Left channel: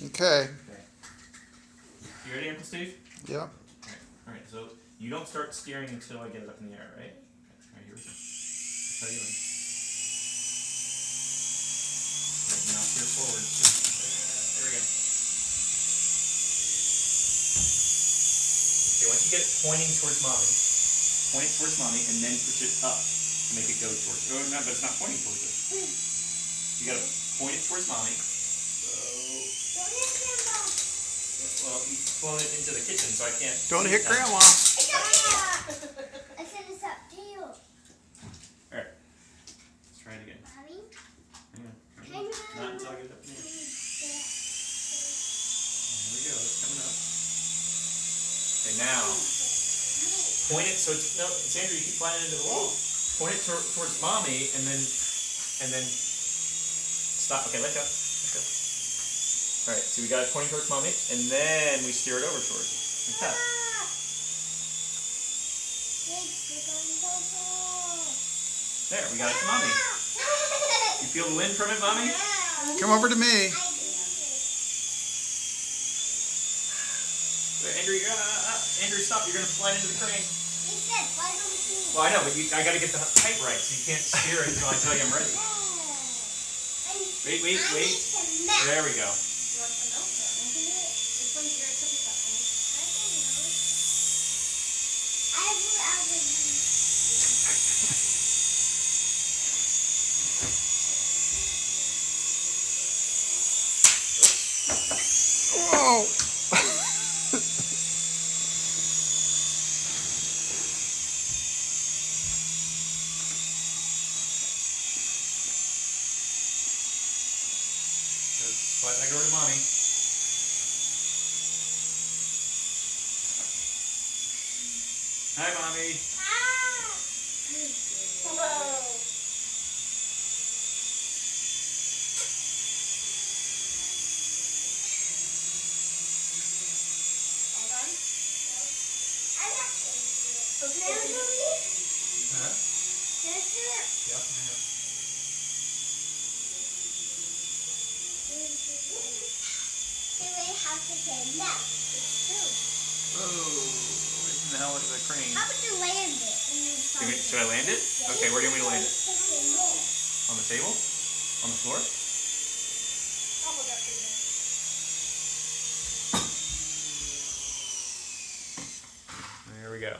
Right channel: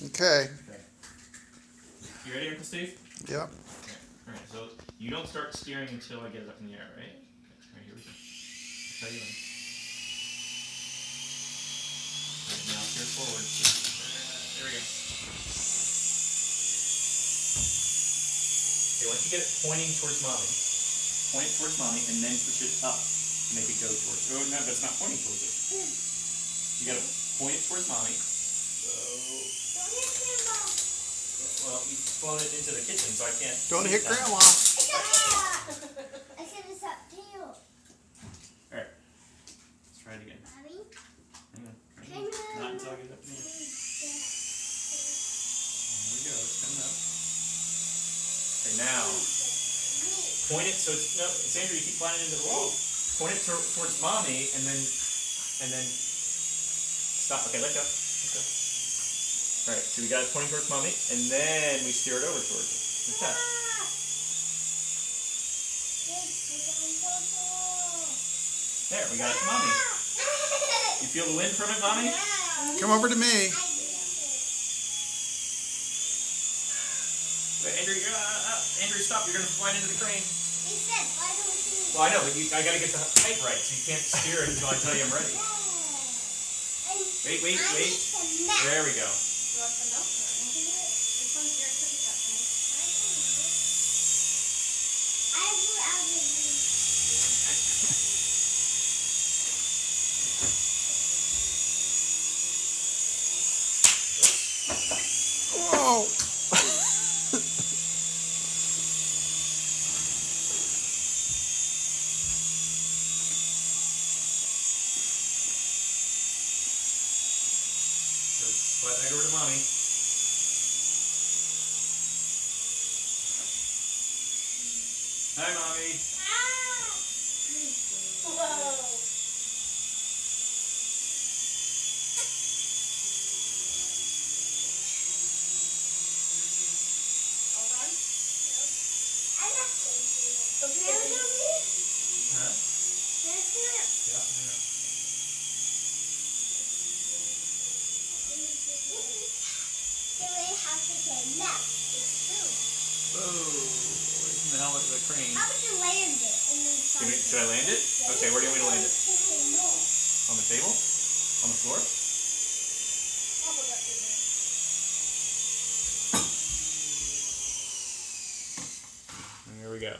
Okay. Okay. You ready, Uncle Steve? Yep. Okay. All right. So you don't start steering until I get it up in the air, right? Okay. All right. Here we go. That's how you win. Okay, now steer forward. There we go. Okay. Once you get it pointing towards mommy, point it towards mommy, and then push it up to make it go towards. Oh no, but it's not pointing towards it. You gotta point it towards mommy. Well, you've flown it into the kitchen, so I can't. Don't hit Grandma. It's up here. I said it's up to you. Alright. Let's try it again. Mommy? Hang on. Not until I get it up in the air. There we go. It's coming up. Okay, now. Point it so it's. No, Sandra, you keep flying into the wall. Point it towards mommy and then. Stop. Okay, let go. Let go. Alright, so we got it pointing towards mommy, and then we steer it over towards you. Like that. There, we got it to mommy. You feel the wind from it, mommy? Come over to me. Andrew, stop. You're going to fly into the crane. He said, why don't you? Well, I know, but I got to get the height right, so you can't steer it until I tell you I'm ready. Wait. There we go. Whoa. Fly back over to mommy. Hi, mommy. Whoa. Huh? Yeah, hang on. Whoa, where the hell is the crane? How would you land it? Should I land it? Okay, where do you want me to land it? On the table? On the floor? There we go.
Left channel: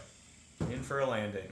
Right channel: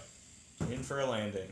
In for a landing.